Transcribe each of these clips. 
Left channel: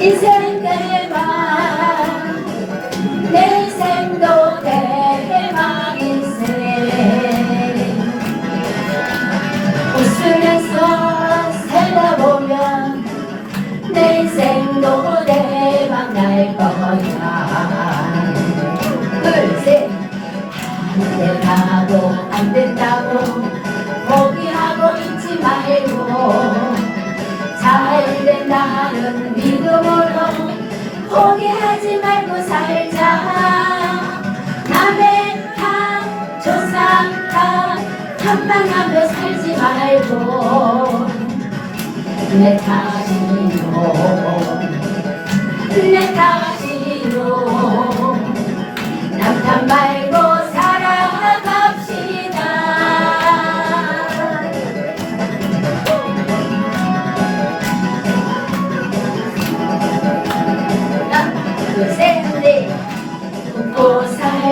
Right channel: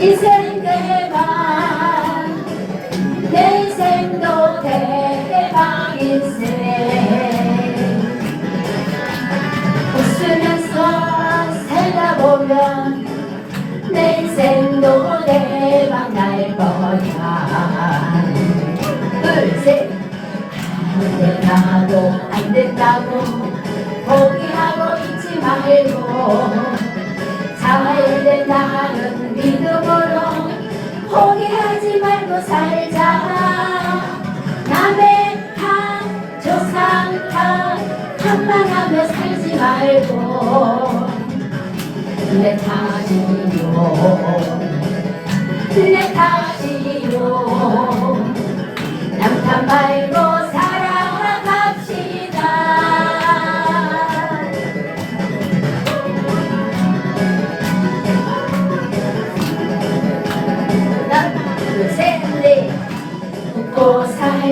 인생 대박 내 생도 대박 인생. 웃으면서 살다 보면 내 인생도 대박 날 거야. 둘셋. 안 된다고 안 된다고 잘 된다는 믿음으로 포기하지 말고 살자. 남의 탓 조상 탓 탓만하며 살지 말고 내 탓이요. 내 탓이요. 남탓 말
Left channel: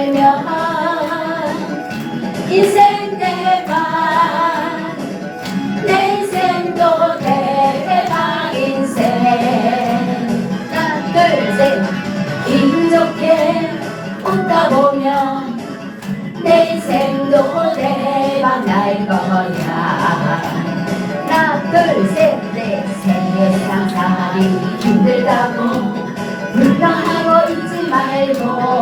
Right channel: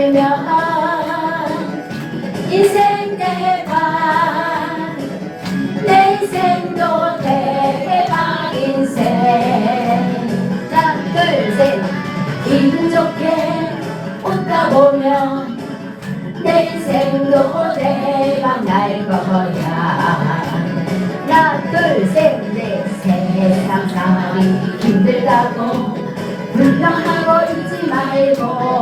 살면 인생 대박. 내 인생도 대박 인생. 기분 좋게 웃다 보면 내 인생도 대박 날 거야. 하나 둘셋넷 세상 살이 힘들다고 불평하고 있지 말고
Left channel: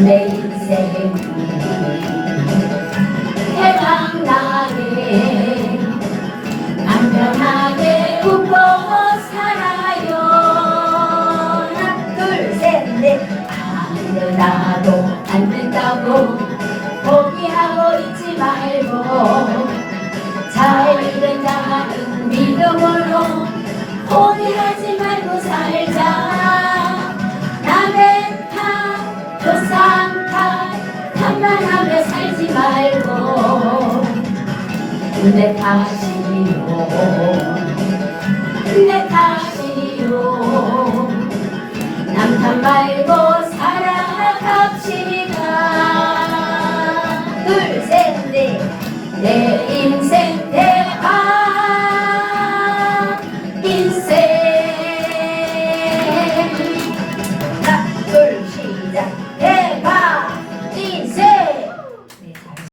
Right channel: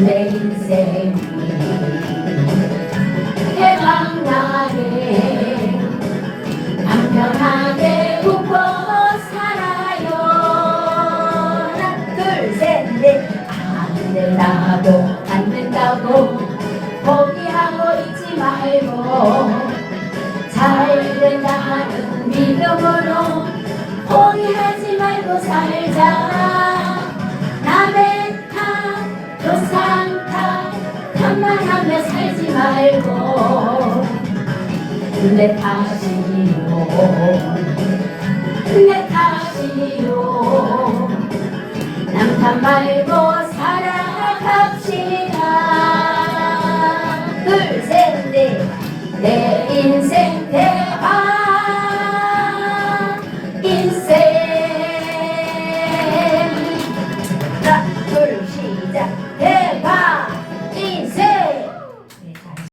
내 인생이 대박나게 맘 편하게 웃고 살아요 하나 둘셋넷 안 된다고 안 된다고 포기하고 있지 말고 잘 된다는 믿음으로 포기하지 말고 살자 내 탓이요. 내 탓이요. 남탓 말고 살아갑시다. 둘셋넷내 인생 대